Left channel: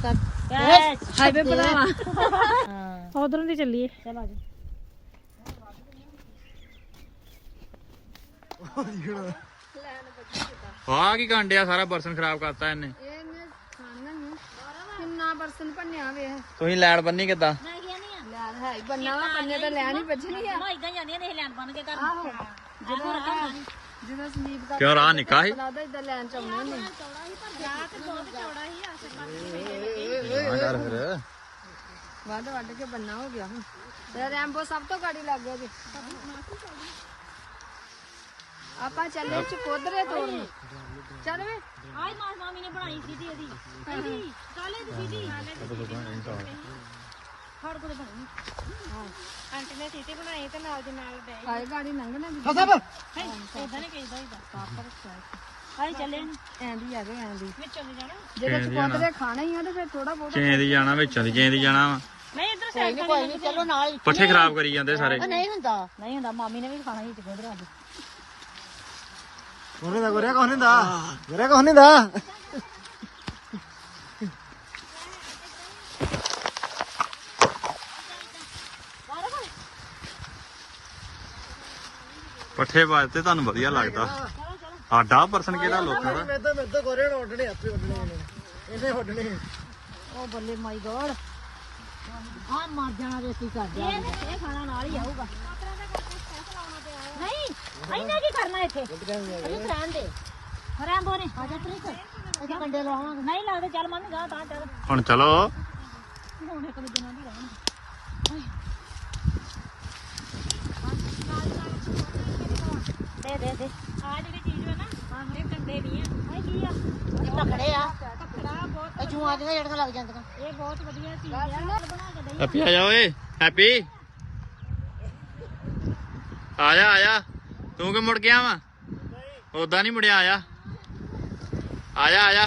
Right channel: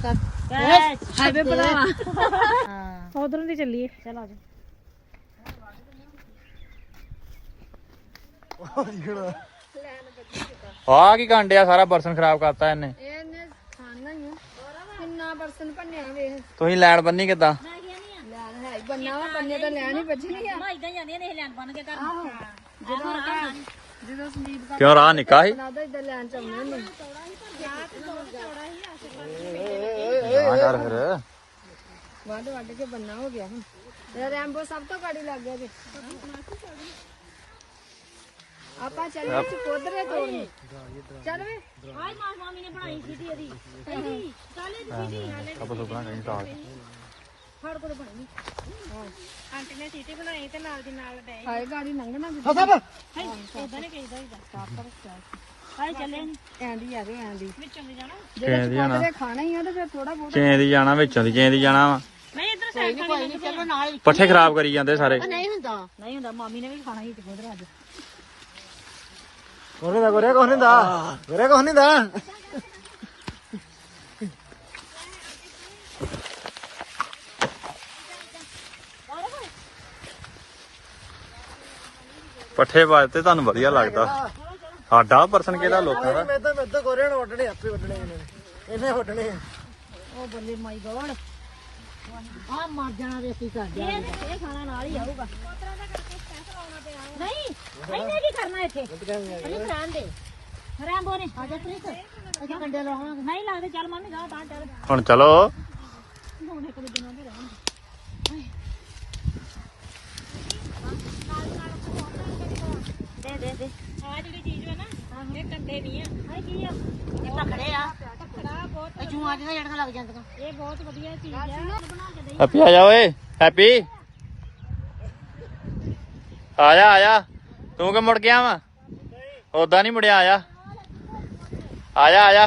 कर हाईवे बनावा उधरों ਦੀ ਚੱਲੀਏ चल आ जा ਆ ਕੀ ਕਾਂਡਿਆ ਸਾਰਾ ਬਰਸਨ ਖਰਾਬ ਕਰਤਾ ਇਹਨੇ ਇਹਨੇ ਖਾਣੀਆਂ ਹੀ ਕਿੰਨਾ ਬਰਸਨ ਭੰਨਿਆ ਵੇਖ ਤੁਸੀਂ ਲੈਣ ਬੰਨੀ ਕਿੱਦਾਂ ਲੈਣ ਹੈ ਹੀ ਬੰਨਾ ਵਾ ਬੰਨੇ ਤਾਂ ਲੈਣ ਹੀ ਬਚਣੀ ਆ इधर ਜਾਂਦੀਆਂ ਨੇ ਲੈਣ ਬੰਨ ਕੇ ਕਰ ਆਹੋ ਜਦੋਂ ਸੰਦੀਪ ਦਾ ਕਿਉਂ ਰਾਹ ਨਿੱਕਾ ਸੀ ਲੱਗਦਾ ਇਦਾਂ ਲੈਣ ਚ ਆਉਂਦੇ ਨੇ ਵੱਢ ਵੱਢ ਕੇ ਬੰਨਾ ਹੋ ਗਿਆ ਹੁਣ ਤੇ ਰੈਂਬੋ ਸਭ ਤੋਂ ਗਾੜੀ ਲੱਗ ਗਿਆ ਜੀ ਆਪਾਂ ਚੱਲੀਏ ਕਿ ਕੋਦਰੇ ਤੋੜਨ ਚੱਲ ਵੇ आज ना मामी ने बनाई सीधी ਇਹਦੀ ਕਾਲੇ ਦੀ ਸੀधी ਹਰ ਕੋਲ ਬਣੀ ਆਂਟੀ ਨੇ ਸੀਟੀ ਬਣਾਈ ਤੇ ਨਾਲ ਦੀ ਨਾਲ ਡੇ ਹਾਏ ਗਾੜੀ ਲੰਘਣਾ ਜੀ ਇਦਾਂ ਨਹੀਂ ਚਾਹੀਦਾ ਇਹਦਾ ਕਾਪਰ ਹਾਏ ਚੱਲੇ ਐਂਦੀ ਆ ਗਏ ਐਂਦੀ ਵਿੱਚੋਂ ਦੀ ਜਾਣਾ ਜਿਹੜੇ ਕੋਦਰੇ ਖਾਣੇ ਹੀ ਆ ਤੇ ਫਿਰ ਥੋੜਾ ਬਹੁਤ ਚੇਂ ਦੀ ਜਾਣਾ ਵਿੱਚੋਂ ਦੀ ਚੇਂ ਦੀ ਜਾਣਾ ਵਾ ਨਹੀਂ ਇਧਰ ਸਾਈਡ ਕੋਈ ਨਹੀਂ ਚਲੋ ਨਾਲ ਪੱਠੇ ਖਰਾਬ ਕਰੀ ਜਾਂਦੇ ਸਾਰੇ ਨਹੀਂ ਹੁੰਦਾ ਮਾਮੀ ਨੇ ਵੀ ਖਾਣਾ ਹੀ ਚੋਦਰਾ ਅੱਜ ਕੋਨੇ ਦਾ ਗੋਰੇ ਕੋਨੇ ਦਾ ਗੋਰੇ ਕੋਨੇ ਦਾ ਪੱਠੇ ਵੱਜਦੇ ਤੁਹਾਨੂੰ ਵਧੀਆ ਲੱਗਦਾ ਸਾਡਾ ਪਰਸਨ ਕਿਹੜਾ ਲੋਕਾਂ ਦਾ ਮੈਂ ਗੋਰੇ ਨੂੰ ਉੱਡਣੇ ਆਪੇ ਉੱਡਣੇ ਇਹਨੇ ਉੱਡਣੇ ਉਹ ਬੱਲੇ ਮਾਈ ਗੋਡ ਆ ਮਰ ਜਾਣਾ ਵੇ ਕੀ ਕਰ ਜਾ ਇਹ ਖਾਣਾ ਨਾਲ ਹੀ ਆਊਗਾ ਨਹੀਂ ਇਹਨੇ ਕੀ ਕਰਨਾ ਇੱਥੇ ਇਹ ਰਹਿਣ ਦੇ ਹਰਾਂਬੋ ਨੇ ਆ ਜਾ ਪ੍ਰੀਤ ਅਸੀਂ ਕੰਡੇ ਲਾਵਾਂਗੇ ਨਹੀਂ ਲੱਗਦੇ ਚੱਲ ਮੰਨ ਜਾ ਤਾਂ ਚੱਲ ਹੁਣ ਚਲੋ ਹੁਣ ਇੱਕ ਦੂਜੇ ਨਾਲ ਰਹਿਣ ਦੇ ਆ ਜਿਹੜੀ ਚੀਜ਼ ਹੈ ਨਾ ਇਹ ਕੰਡੇ ਨਹੀਂ ਆ ਆ ਕੀ ਆ ਇਹ ਤਖੜੇ ਆ ਤਖੜਾ ਬਹੁਤ ਜੂਆਂ ਦੇ ਜਿਹੜੀਆਂ ਲੱਗ ਜਾਂਦੀਆਂ ਇਹ ਬਹੁਤ ਵਧੀਆ ਚੀਜ਼ ਆ ਬਣਾ ਕੇ ਨਹੀਂ ਹੈਪੀ ਆ ਜਾ ਓਏ ਹੈਪੀ ਆ ਜਾ ਤੂੰ ਕਿ ਮੁੜ ਗਿਆ ਵਾ ਉਦਾਂ ਨਹੀਂ ਮੁੜਿਆ ਆ ਜਾ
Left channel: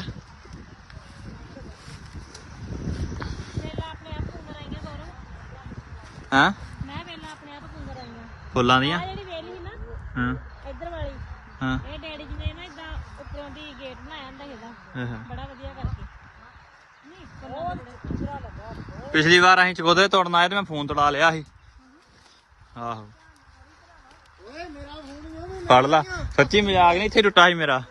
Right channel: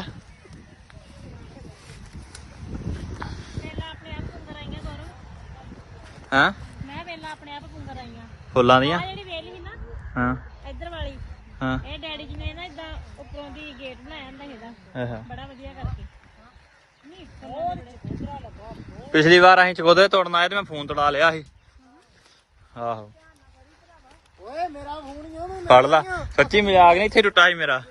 ਵੇਲਾ ਆਪਣੇ ਆਪ ਸੁੰਦਰ ਆਈਆਂ ਦੋਰੋਂ ਹਾਂ ਮੈਂ ਵੇਲਾ ਆਪਣੇ ਆਪ ਸੁੰਦਰ ਆਈਆਂ ਫੁੱਲਾਂ ਦੀਆਂ ਜਿਹੜੀ ਵੇਲੀ ਸੀ ਨਾ ਹਾਂ ਇੱਧਰ ਵਾਲੀ ਹਾਂ ਇਹ ਡੈਡੀ ਜੀ ਨੇ ਨਾ ਇਦਾਂ ਉੱਪਰੋਂ ਦੀ ਗੇਟ ਬਣਾਇਆ ਹੁੰਦਾ ਇਹਦਾ ਬੜਾ ਵਧੀਆ ਕਰਕੇ ਨਹੀਂ ਬਹੁਤ ਵਧੀਆ ਲੱਗਾ ਪਿਛਲੀ ਵਾਰ ਅਸੀਂ ਚਕੋਦੇ ਤੋੜਨ ਆਏ ਤੇ ਮੈਂ ਫੋਨ ਤੜਾ ਲਿਆ ਸੀ ਆਹੋ ਓਏ ਮੇਰਾ ਫੋਨ ਨਹੀਂ ਫੜ ਲਾ ਸੱਚੀ ਮਜ਼ਾਕ ਨਹੀਂ ਇੱਥੇ ਟੁੱਟਾ ਸੀ ਮੇਰਾ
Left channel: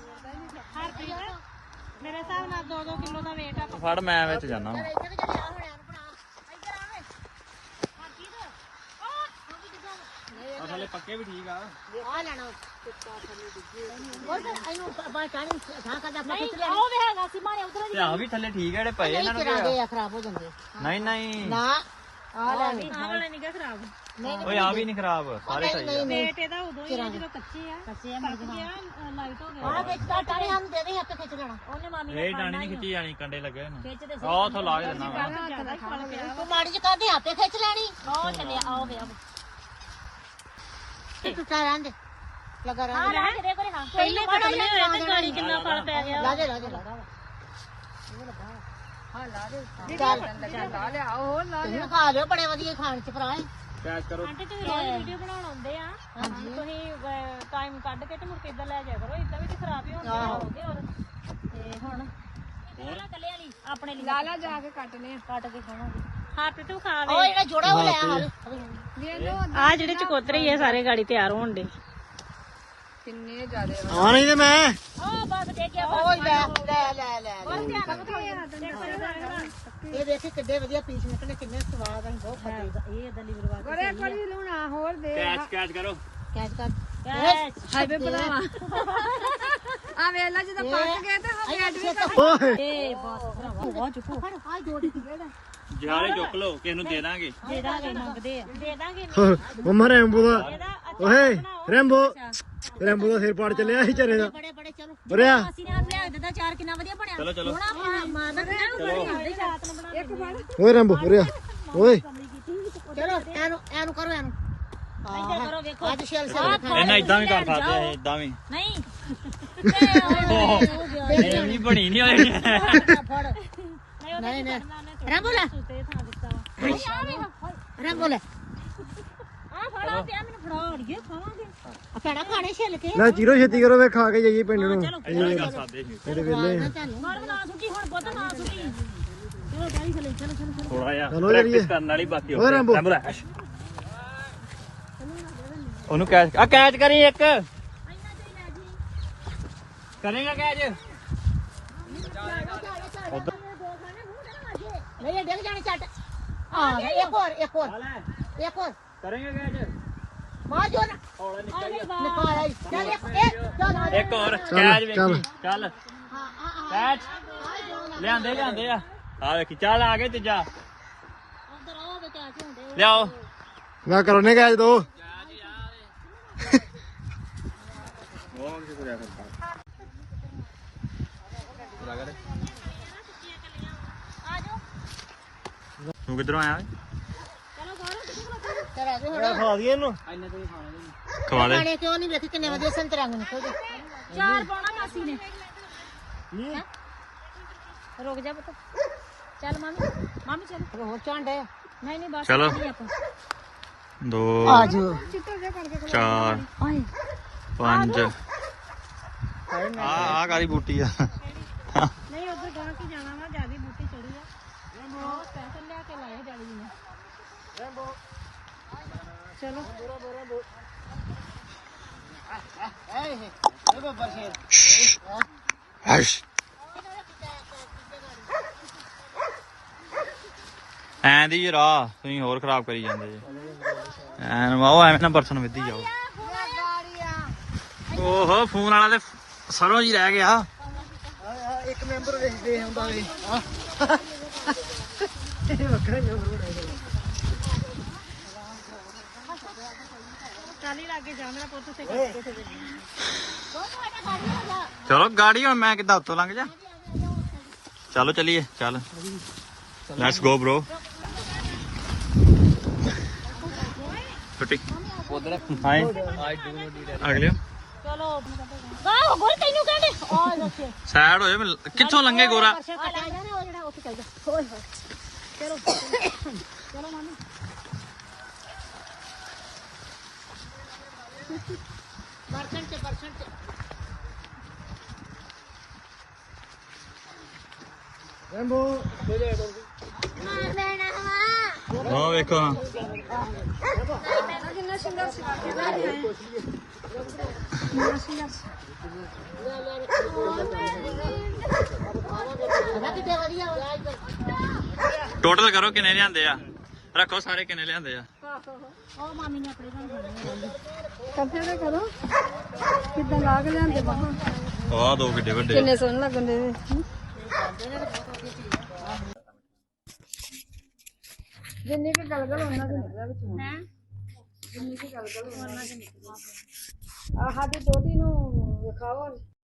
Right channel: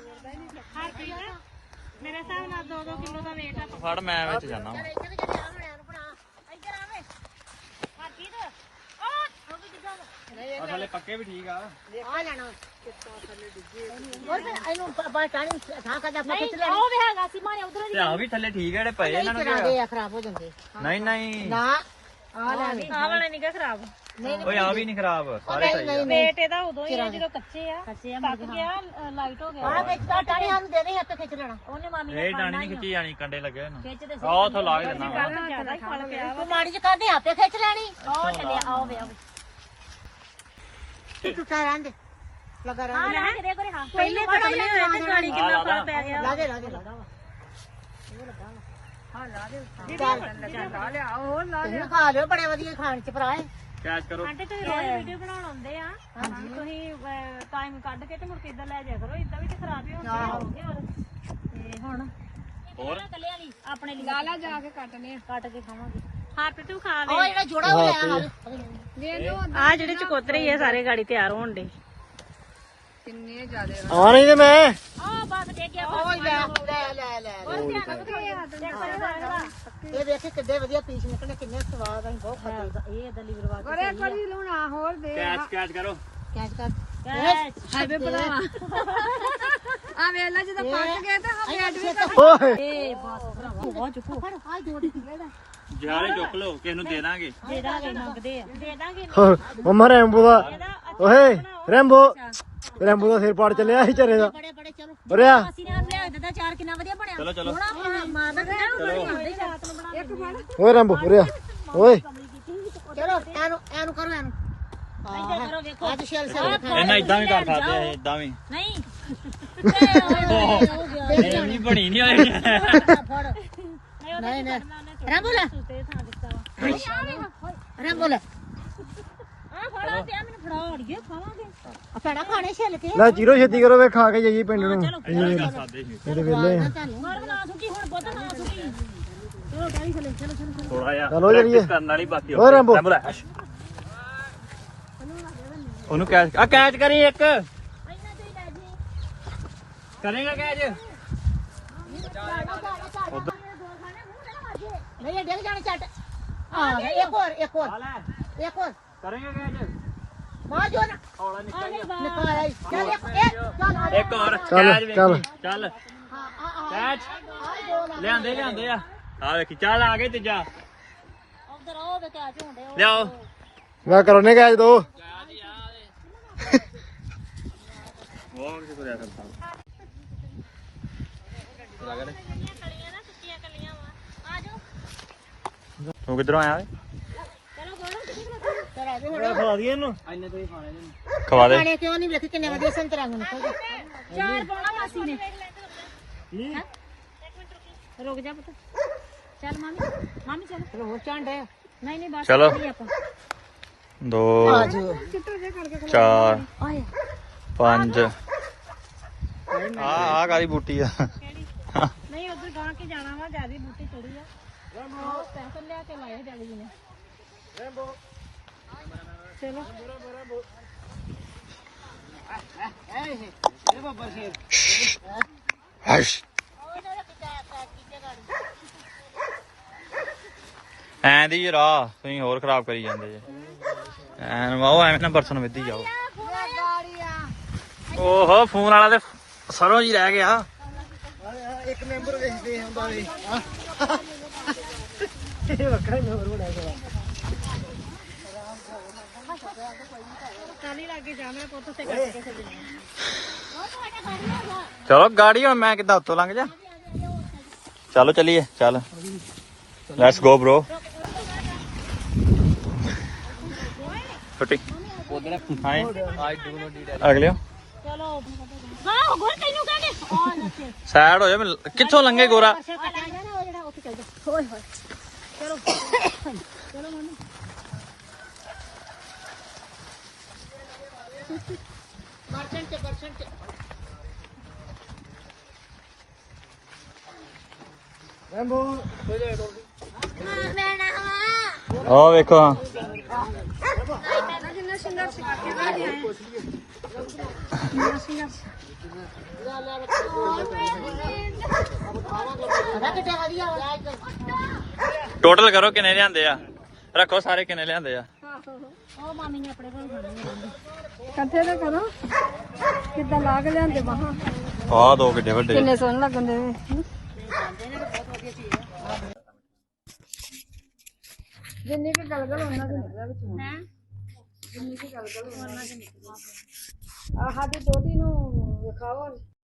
ਮੇਰੇ ਹਿਸਾਬ ਨਾਲ 2-2 ਕਿਲੋ ਦਾ ਵੇਟ ਆ ਫੜ ਮੈਂ ਵਿੱਚ ਜਾਣਾ ਅਸਲੇ ਪੱਕੇ ਵੀ ਠੀਕ ਆ ਇਹਨੂੰ ਪਾਣੀ ਥਾਂ ਕਰਦਾ ਆਪਣਾ ਖਿੱਚ ਲੈ ਉਹ ਹੈਗਾ ਸੀ ਮਾਰੇ ਉਧਰ ਤੇ ਆ ਵੀ ਥੱਲੇ ਠੀਕ ਹੈ ਜਿਹੜੇ ਪਏ ਇਹਨਾਂ ਨੂੰ ਕਿਹੜੇ ਆ ਖਰਾਬ ਹੋ ਜਾਂਦੇ ਨਹੀਂ ਨਾ ਆ ਵਾਲਾ ਨਿਗਾ ਖਰਾਬ ਓਏ ਆ ਵੀ ਨਹੀਂ ਖਰਾਬ ਸਾਰੇ ਸਹੀ ਆ ਵੇਟ ਇਹਦਾ ਉਦੋਂ ਹੀ ਆ ਜਦੋਂ ਕੱਚੇ ਆ ਪੱਕ ਗਿਆ ਲਾਈਟ ਹੋ ਗਿਆ ਆ ਵਿੱਚ ਦਾ ਟਾਣੀ ਸਾਨੂੰ ਦੇ ਦੇ ਹੱਥ ਖਿੱਚ ਲੈਣਾ ਉਹਨੇ ਮਾਮੀ ਨੇ ਇਹ ਡਾਣੀ ਨਹੀਂ ਖਿੱਚੀ ਜਾਣੀ ਕੰਡੇ ਲੱਗੇ ਹੋਣ ਖਿੱਚਦੇ ਆਹ ਉਥੋਂ ਲਾ ਕੇ ਦੇਣਾ ਵਾ ਜ਼ਿਆਦਾ ਹੀ ਫਲ ਪਿਆ ਵਾ ਮਾੜੀ ਚ ਕਾਦੇ ਆਪੇ ਖਿੱਚ ਲੈਣੀ ਉਹ ਚੱਲਿਆ ਆਓ ਵੇ ਇਹ ਟੁੱਟਾ ਰਹਿੰਦੇ ਲਗਾ ਰਹਿੰਦੇ ਪਹਿਲੇ ਪਤਾ ਨਹੀਂ ਹੋਇਆ ਤੇ ਗਾੜੀ ਕਿੰਨਾ ਫਲ ਪੈ ਗਿਆ ਲਾ ਦੇ ਤੈਨੂੰ ਖਾ ਲਿਓ ਬੜੇ ਵਧੀਆ ਖਾਣ ਚ ਭਰਾ ਕੈਚ ਕਰੋ ਆਂਟੀ ਤੁਸੀਂ ਰੋਜ਼ ਵੀਡੀਓ ਬਣਾਉਣ ਆਉਂਦੇ ਆ ਤੁਸੀਂ ਟਾਈਮ ਕੱਢ ਕੇ ਤੇ ਮੁੜ ਕੇ ਇਦਾਂ ਲੈ ਜਾਇਆ ਕਰੋ ਇਦਾਂ ਵੀ ਖਰਾਬ ਹੀ ਹੋਣਗੇ ਹੋਰ ਤੇ ਹੁਣ ਹੋਰ ਕੱਲੇ ਵਾਲੀ ਆਪਣੇ ਲਈ ਲਾਲਾ ਜਾ ਕੇ ਕੱਟਨੇ ਆ ਕੱਟ ਕੇ ਖਾਵਾਂਗੇ ਹੱਥ ਤੂੰ ਖਾ ਵੇ ਉਹ ਜਿਹੜਾ ਜੁੜਾ ਹੋਇਆ ਆ ਜਿਹੜੇ ਚਕੋਤਰੇ ਹੀ ਆ ਸਾਰੇ ਗਾੜੀ ਤਿਆਰ ਹੋਣ ਦੇ ਕਿੰਨੇ ਜ਼ਿਆਦੇ ਆ ਨਹੀਂ ਤੇ ਮੈਂ ਉਹ ਬਸ ਦੇ ਗਿਆ ਉਹ ਲੈ ਇਹ ਦੇਖੇ ਕਿੱਡੇ ਵਧੀਆ ਪੀਸ ਨਿਕਲੇ ਕਿੰਨੇ ਸਵਾਦ ਆ ਬਹੁਤ ਖਾਦੇ ਇਹ ਇਦਾਂ ਲੀਵਰ ਵਾਲਾ ਗੋਰੇ ਕਰੀ ਲੂਣਾ ਹੋਰ ਦੇ ਕੈਚ ਕਰੋ ਕੈਚ ਕਰ ਹਾਈਵੇ ਬਣਾਵਾ ਆ ਵੇਲਾ ਜਦੋਂ ਪੱਕ ਗਏ ਤਾਂ ਗੇਟ ਵੀ ਕਰ ਓਏ ਏ ਬਸ ਬਹੁਤ ਚੁੱਕੋ ਫੜ ਆ ਜੋੜ ਦੀ ਜਿਹੜਾ ਜਾਰੇ ਚੁੱਕ ਲਓ ਕਿਸ ਨੂੰ ਦੇ ਦਾਂਗੇ ਦੇ ਦਾਂਗੇ ਮੰਗਦੇ ਆ ਦੇ ਦਾਂਗੇ ਮਮਾ ਰੈਂਬੋ ਦਾ ਇਹਦਾ ਓਏ ਰੈਂਬੋ ਦਾ ਸਿਰ ਪਾੜ ਚੱਲਿਆ ਸੀ ਚਰੇ ਦਾ ਬੜੇ ਚਲੋ ਉਰਿਆ ਅਸੀਂ ਨੇ ਲਿਆ ਦਿੱਤਾ ਚਾਰ ਕਿੰਨਾ ਵਧੀਆ ਬਣਿਆ ਚਲੋ ਸੋਹਣਾ ਮਾਂ ਦਾ ਕਿੰਨਾ ਰਾਤ ਨੂੰ ਬਣਾ ਇੱਕ ਫੜ ਓਏ ਰੈਂਬੋ ਉਰਿਆ ਓਏ ਚਲੋ ਇਹਨੂੰ ਕਰੋ ਇਹਨੂੰ ਇੱਧਰ ਕਰੋ ਵੇਖੋ ਅੱਜ ਸ਼ੈਲ ਇਹਨਾਂ ਇਦਾਂ ਵੀ ਕਰ ਸਕਦੇ ਆ ਇਦਾਂ ਵੀ ਨਹੀਂ ਇਹ ਨਹੀਂ ਬਣੀ ਨਹੀਂ ਹੋਈ ਫੜ ਨਹੀਂ ਰੰਗੋ ਲੈ ਰੰਗੋ ਲੈ ਆ ਫੜਾ ਪਿਆ ਮੈਨੂੰ ਫੜਾ ਅੜੀਏ ਖਾਵਾਂਗੇ ਆ ਫੜਾ ਖਾਣੇ ਛਿੱਲ ਕੇ ਲੈ ਚੀਰੋ ਛੇਤੀ ਕਰੋ ਵੇ ਖਾ ਕੇ ਜਾਈਏ ਪਿੰਡ ਨੂੰ ਕਰ ਸਕਦੇ ਸੀ ਇਹਦੇ ਵੇਲੇ ਗਰਮ ਨਾ ਸੁੱਟੀ ਹੁਣ ਬੁੱਧ ਨਾ ਸੁੱਟੀ ਚਲੋ ਗਾੜੀ ਥੱਲੇ ਚਲੋ ਚਲੋ ਚਲੋ ਥੋੜਾ ਜਿਹਾ ਚਲੋ ਚੱਲੀਏ। ਕਰਨ ਵਾਲੀ ਬਾਕੀ ਓਏ ਰੈਂਬੋ। ਉਹਨੂੰ ਕੈਚ ਕੈਚ ਕਰੀ ਇੱਕ ਇੰਨਾ ਤੇ ਲੈ ਜੀ ਕਰੇਗਾ ਕੈਚ ਨਹੀਂ ਇਹ ਡਿੱਗ ਜਾਣੇ ਛੱਡ ਆ ਗਿਆ ਇੱਕ ਹੋਰ ਕਰੇਗਾ ਕੈਚ ਮਾਂ ਜੋ ਨਾ ਆ ਗਈ ਬਾਹਰ ਨਿਕਾਲ ਆਈ ਚੱਲ ਚੱਲ ਇੱਕ ਹੋਰ ਚੱਲ, ਕੈਚ ਚੱਲ। ਵੇਖੀ ਚੱਲ ਕੈਚ ਲਿਆਂਦੇ ਆ ਵੇਖੀ ਚੱਲ ਆ ਗਏ ਤੀਜਾ ਉਧਰ ਆਓ ਤੇ ਆ ਕੇ ਹੁੰਦੇ ਲਿਆਓ ਮੈਂ ਕਰਨੇ ਗਏ ਦੋ ਉਹ ਕਿਸ ਕਰਿਆ ਕਰਦਾ ਕਲੀਆਂ ਨਾ ਸੁੱਕੀਆਂ ਕਲੀਆਂ ਵਾ ਆ ਜਾਓ ਤੂੰ ਕਿੱਧਰੋਂ ਆਇਆ ਓਏ ਚਲੋ ਗੌਰਵ ਤੇਰਾ ਦੇ ਖਵਾ ਦਈਏ ਇਹਨੂੰ ਖਵਾ ਦੇ ਖਾਣੇ ਕਿਉਂ ਨਹੀਂ ਵੇਖੀ ਕਿੰਨੇ ਵਧੀਆ ਸੰਤਰਾ ਨੂੰ ਨਿਕਲਦੇ ਚਾਰ ਪਾਉਣਾ ਮਾਸੀ ਨੇ ਹੈਂ? ਰੁਕ ਜਾ ਪੁੱਤ ਚੱਲ ਮਾਮੀ ਚੱਲ ਹੋਰ ਚਾਂਡ ਹੈ ਨਹੀਂ ਨਹੀਂ ਬਸ ਚਲੋ। ਨਹੀਂ ਆਪਾਂ 2 ਚਿੱਟੋ ਜੇ ਕਰਕੇ 4 5 ਆ ਕਾਦੀ ਬੂਟੀ ਆ ਨਹੀਂ ਉਧਰ ਗਾਂ ਕੇ ਜਾਣਾ ਵਾ ਜਿਆਦੀ ਬੂਟੀ ਚੜੀ ਆ ਉਹ ਪੈਸੇ ਲਿਆ ਕੇ ਲਾਏ ਡੈਡੀ ਜੀ ਨੇ ਚਲੋ ਹਸ਼ ਐਂ ਦੀ ਰਾਹ ਤੁਸੀਂ ਹੋਰ ਖਰਾਬ ਕਰੀ ਜਾਂਦੇ ਜੇ ਐਨ ਵਾਓ ਐਵੇਂ ਨਾ ਬਰਸਨ ਵਿੱਧੀ ਜਾਓ ਓਹੋ ਫੋਨ ਵਾਲਾ ਤੇ ਸਰੋਂ ਜੀ ਰਹਿ ਗਿਆ ਇੱਕ ਮੈਂਬਰ ਵੇਚਦੇ ਹੁੰਦਾ ਵੇ ਇਹ ਵੱਖਰਾ ਮੈਂਬਰ ਬਣਾਇਆ ਚਾਲੀ ਲੱਗੇ ਜਾਣਾ ਪੁੱਤ ਸੇ ਕਰਕੇ ਚਲੋ ਗਾੜੀ ਹੁਣ ਮੈਂ ਕਿੱਦਾਂ ਉੱਤੋਂ ਲੰਘ ਜਾ ਚਲੋ ਚਲੀਏ ਚੱਲ ਲੈਟਸ ਗੋ ਬ్రో ਛੁੱਟੀ ਹਾਈ ਅਗਲਿਓ ਚਲੋ ਗਾਂ ਗੋਰ ਤੈਨੂੰ ਕਹਿੰਦੇ ਆ ਦੱਸੇ ਸਾਈਡ ਹੋ ਜਾ ਕਿੱਥੋਂ ਲੰਘੇ ਗੋਰਾ ਆ ਲੈ ਜਾਣਾ ਉਹ ਜਿਹੜਾ ਉੱਥੇ ਚੱਲ ਜਾ ਚਲੋ ਚਲੋ ਮਾਮੀ ਬਰਸਨ ਚ ਰੈਂਬੋ ਉਹ ਵੇਖੋ ਹਾਂ ਕਿੰਨਾ ਸਿੰਗਰ ਸਿਖਾ ਕੇ ਲੈ ਕੇ ਆਏ ਕਿੰਨਾ ਸਿੰਗਰ ਪਤਾ ਕਿਤੇ ਵਧੀਆ ਟੋਟਲ ਕਰੋ ਕਿੰਨੇ ਲਿਆਂਦੇ ਆ ਰੱਖੋ ਸਾਰੇ ਕਿੰਨੇ ਲਿਆਂਦੇ ਆ ਉਹ ਮਾਮੀ ਨੇ ਆਪਣੇ ਘਰ ਖਾਣੇ ਰਹਿੰਦੇ ਕੱਥੇ ਨਾ ਕਰੋ ਕਿੱਦਾਂ ਲਾ ਕੇ ਲਿਆਂਦੇ ਬਾਹਾਂ ਆਹ ਦੋ ਕਿੱਡੇ ਵੱਡੇ ਕਿੰਨੇ ਸੋਹਣੇ ਲੱਗਦੇ ਨੇ ਜਿੰਨੀ ਕੀ ਗਲਗਲ ਉਹਨਾਂ ਦੇ ਨਿਕਲਿਆ ਵਿੱਚ ਹੈ ਜਿੰਨੀ ਕੀ ਗਲਗਲ ਉਹਨਾਂ ਦੇ ਨਿਕਲਿਆ ਆਹ ਸਾਡੀ ਦੋਤੀ ਨੂੰ ਵਿਖਾਓ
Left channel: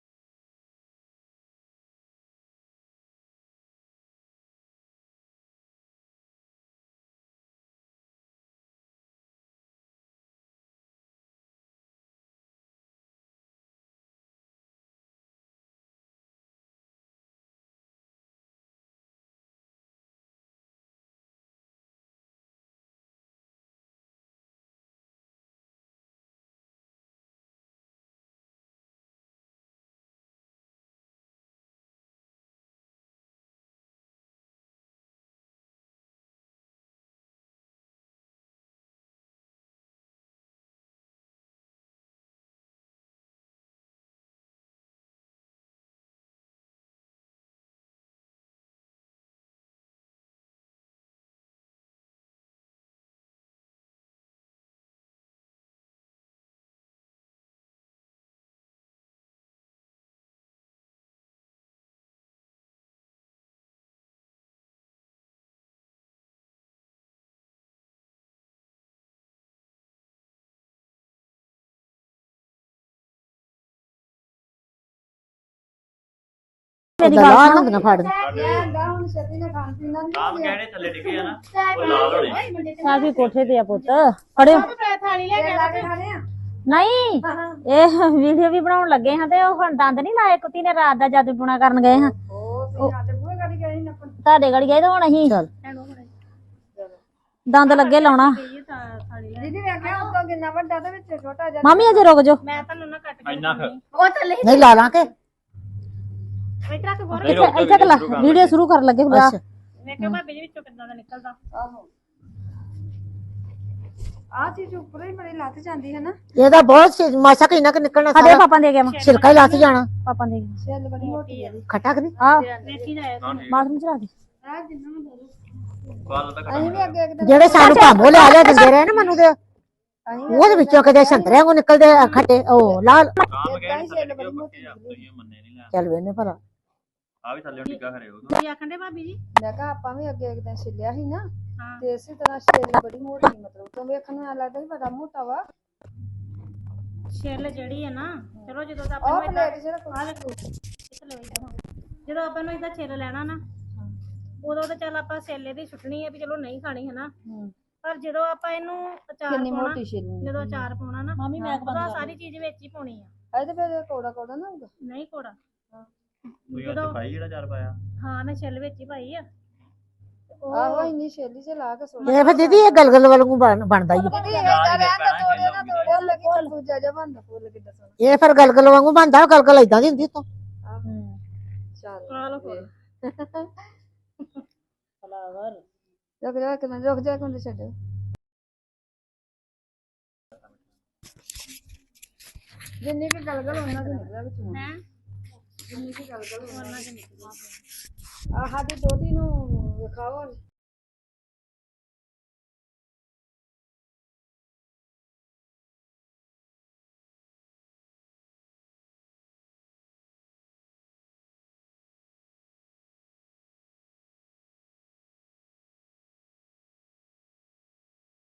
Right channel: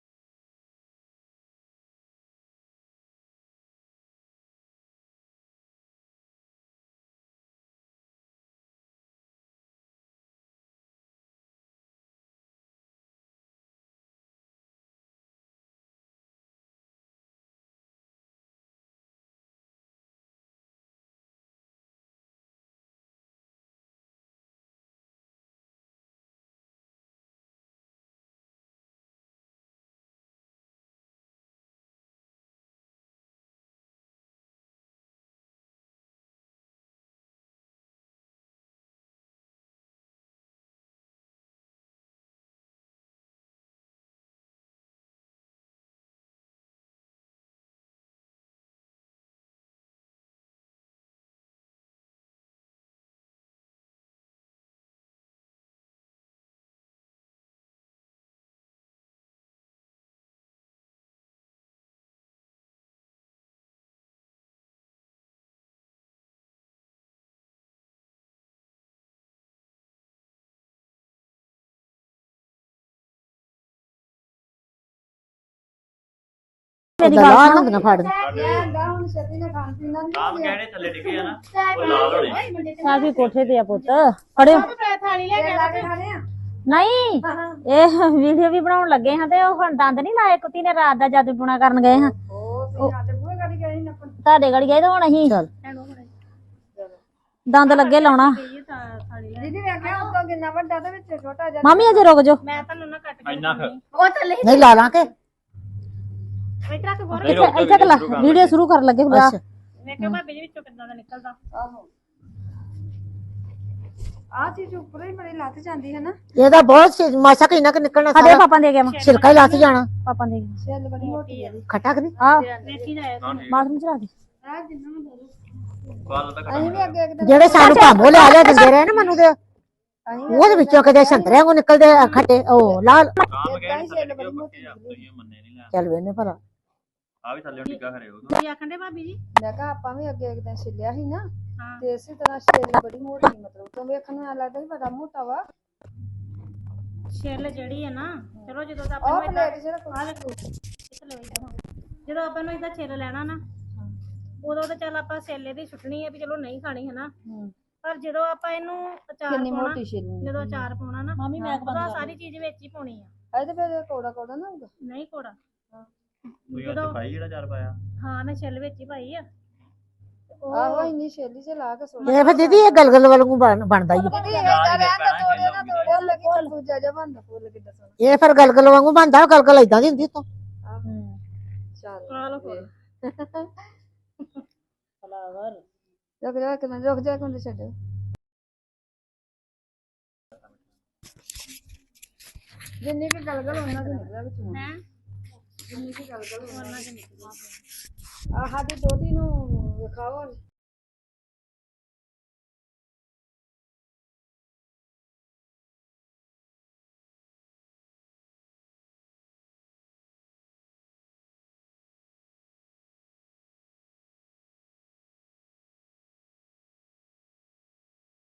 ਮੇਰੀ ਗੱਲ ਸੁਣ ਨਾ ਫੜ ਹੁਣ ਛੇਤੀ ਨਾਲ ਖਾਣ ਪੀਣ ਦਾ ਆਮ ਗਹਿਣੇ ਥੱਲੇ ਡਿੱਗੇ ਆ ਨਾ ਉਹ ਲਾਲ ਹੋਣੇ ਸਾਬੀ ਕੋਠੇ ਤੇ ਆ ਪੁੱਤ ਫੜਿਓ ਥਾਲੀ ਲੈ ਕੇ ਖਾਣੇ ਆ ਨਹੀਂ ਇਹ ਵੀਡੀਓ ਵੀ ਬਣਾਉਣ ਲੱਗੇ ਹਾਂ ਤੇ ਉਹ ਹੁਣ ਦੰਦ ਨਹੀਂ ਲਾਏ ਕੁੱਤੀ ਨੇ ਰਾਤ ਦਾ ਜਾਦੂ ਟੂਣਾ ਕਰਨ ਗਏ ਹਾਂ ਉਹ ਸਾਡੇ ਬੂਹੇ ਗਾੜੀ ਗਏ ਸੀ ਨੱਪਣ ਤੁਹਾਡੇ ਗੜੀ ਗਏ ਤੇ ਹੁਣ ਅਸੀਂ ਦੰਦ ਲੱਗੇ ਲਾਉਣਾ ਦੀਦੀ ਵੇਖਿਆ ਉੱਤੋਂ ਕਿੰਨਾ ਵੱਡਾ ਤੇ ਵਿੱਚ ਛੋਟਾ ਜਿਹਾ ਮਾਮੀ ਅਜੇ ਰੁਕ ਜਾਓ ਮੈਂ ਤੁਹਾਨੂੰ ਨਾ ਕੱਟ ਇੰਨਾ ਕੁ। ਉਹ ਥੱਲੇ ਨਹੀਂ ਲਾ ਲਾਂ ਕੇ ਇੱਥੇ ਰੱਖ ਗੋਰ ਨਹੀਂ, ਰੁਕ ਜਾਓ, ਇੱਥੇ ਲਾ ਸ਼ੁਰੂ ਕਰ ਵੀਡੀਓ ਸ਼ੁਰੂ ਕਰਨ ਲੱਗੇ ਬਸ ਵੇਖਿਓ ਭਾਬੀ ਜੀ ਵਿੱਚੋਂ ਕਿੱਦਾਂ ਦਾ ਨਿਕਲਦਾ। ਆਹੋ ਆ ਚੀਜ਼ ਉੱਪਰ ਹੀ ਬੜੀ ਲੱਥ ਜਾਂਦੀ ਹੈ ਨਾ। ਇਹਦਾ ਬਹੁਤ ਮਾਸਾ ਕਿੰਨਾ ਕਿ ਨਿਕਲਣਾ ਸਾਰਾ ਪਾਪਾ ਦੇ ਗਿਆ ਛਿਲਕਾ ਹੀ ਲੱਥ ਜਾਣਾ। ਪਾਪਾ ਦੇ ਗਿਆ ਛਿੱਲ ਬੜੀ ਮੋਟੀ ਹੈ ਖੱਟਾ ਕਿ ਨਹੀਂ? ਹਾਂ ਵੇਖੀ ਜਾਏ ਬਾਥਰੂਮ ਚ ਰੱਖ ਦੇ। ਆ ਜਿੰਨਾ ਨੂੰ ਦੇ ਦੋ ਗੱਲ ਤਾਂ ਅਸੀਂ ਵੀ ਅੱਗੇ ਇੱਕ ਜਿਹੜੇ ਸਾਨੂੰ ਭਾਂਬੋ ਲਿਆ ਦਿੰਦੇ ਰਹੇ ਨਾ ਮੈਨੂੰ ਤੇ ਉਹਦੇ ਵਿੱਚੋਂ ਕਦੇ ਸੰਤਰਿਆਂ ਕੋ ਨਿਕਲਦੇ ਖੱਟੇ ਉਹ ਲਾਲ। ਕੰਮ ਗਏ ਨਹੀਂ ਛਿੱਲ ਬੜੀ ਮੋਟੀ ਤੁਸੀਂ ਮੰਨੇ ਨਹੀਂ ਲੈ ਚੱਲ ਵੇਨੇ ਭਲਾ ਆ ਵੀ ਥੱਲੇ ਟਿੱਕਾ ਖਰੇ ਉਹ ਤੁਸੀਂ ਆਖਣ ਦੇ ਭਾਬੀ ਜੀ ਮੈਂ ਕਿਹਾ ਆਪਾਂ ਵੀ ਅੱਗੇ ਇੱਕ ਦਿਨ ਛਿੱਲਿਆ ਸੀ ਨਾ ਹਾਂ। ਤੇ ਇਸੇ ਤਰ੍ਹਾਂ ਛਿੱਲ ਬੜੀ ਮੋਟੀ ਮਤਲਬ ਤੋਂ ਵੇਖਣ ਨੂੰ ਐਂ ਲੱਗਦਾ ਸੀ ਬੜਾ ਮੋਟਾ ਵਾ। ਛਿੱਲ ਜਿਹੜੀ ਹੈ ਨਾ ਚਲੋ ਜਦੋਂ ਤਾਂ ਉਹ ਆਪਾਂ ਨੂੰ ਪਲੇਟ ਜਿਹੜਾ ਆ ਦੇਖੋ ਜਦੋਂ ਆਪਾਂ ਨੂੰ ਇਹਦਾ ਛਿੱਲ ਲੈਣਾ ਨਾ ਉਦੋਂ ਤਾਂ ਚੱਲ ਆਪਾਂ ਛਿੱਲੇ ਦੀ ਛੁੱਟਣੀ ਹੈ ਵੀ ਚਲੋ ਨਹੀਂ ਖਾਣੀ ਹੈ ਨਾ। ਪਰ ਜਦੋਂ ਆਪਾਂ ਇਹਨੂੰ ਅਚਾਰ ਕਿੰਨੀ ਪਾਉਣਾ ਮੋਟੀ ਛਿੱਲ ਜਦੋਂ ਅਚਾਰ ਪਾਉਣਾ ਨਾ ਮੰਮੀ ਮੈਂ ਸਾਰੀ ਚੀਜ਼ ਵਿੱਚ ਹੀ ਪਾਉਣੀ ਆ। ਇਹ ਤੇ ਫਿਰ ਕੋੜਾ ਕੋੜਾ ਨਾ ਹੋਊਗਾ। ਨਹੀਂ ਕੋੜਾ ਤੁਸੀਂ ਅੱਜ ਪਾਈ ਜਿਹੜਾ ਚਾਰ ਪਾਇਆ ਹਾਂ ਮੈਂ ਛਿੱਲ ਵਿੱਚ ਹੀ ਪਾਈ ਆ। ਆਹੋ ਇੰਨੀ ਛਿੱਲੀ ਚ ਲਾ ਕੇ ਸੁਣ ਇਹ ਫਿਰ ਦੀਦੀ ਇਹ ਗਲਗਲ ਵਾਂਗੂ ਬਣਦਾ ਹੀ ਆ। ਦੀਦੀ ਇਹ ਤਾਂ ਰਹਿੰਦਾ ਤੋੜਿਆ ਨਾ ਤੋੜਿਆ ਲੱਗੀ ਤਰਬੂਜਾ ਜਿਹਾ ਬਣਦਾ ਫੁੱਲ ਕਿੱਦਾਂ ਸੋਹਣਾ। ਇਹ ਫਿਰ ਗਲਗਲ ਵਾਂਗੂ ਬਣਦਾ ਗਲਗਲ ਏਦਾਂ ਦੀ ਹੁੰਦੀ ਤੋਂ ਚੱਲ ਆ ਲਓ ਫੁੱਲ ਫਲਾਵਰ ਰੁਕ ਜਾ ਇੱਕ ਮਿੰਟ ਰੁਕ ਜਾ ਇੱਕ ਮਿੰਟ ਛੱਡੋ। ਜਿੰਨੀ ਕਿ ਗਲਗਲ ਉਹਨਾਂ ਦੀ ਨਿਕਲਿਆ ਵਿੱਚੋਂ ਹੈ ਜਿੰਨੀ ਕਿ ਗਲਗਲ ਉਹਨਾਂ ਚ ਨਿਕਲੀ ਆਹ ਸਾਡੀ ਦੋਤੀ ਨੂੰ ਵਿਖਾਓ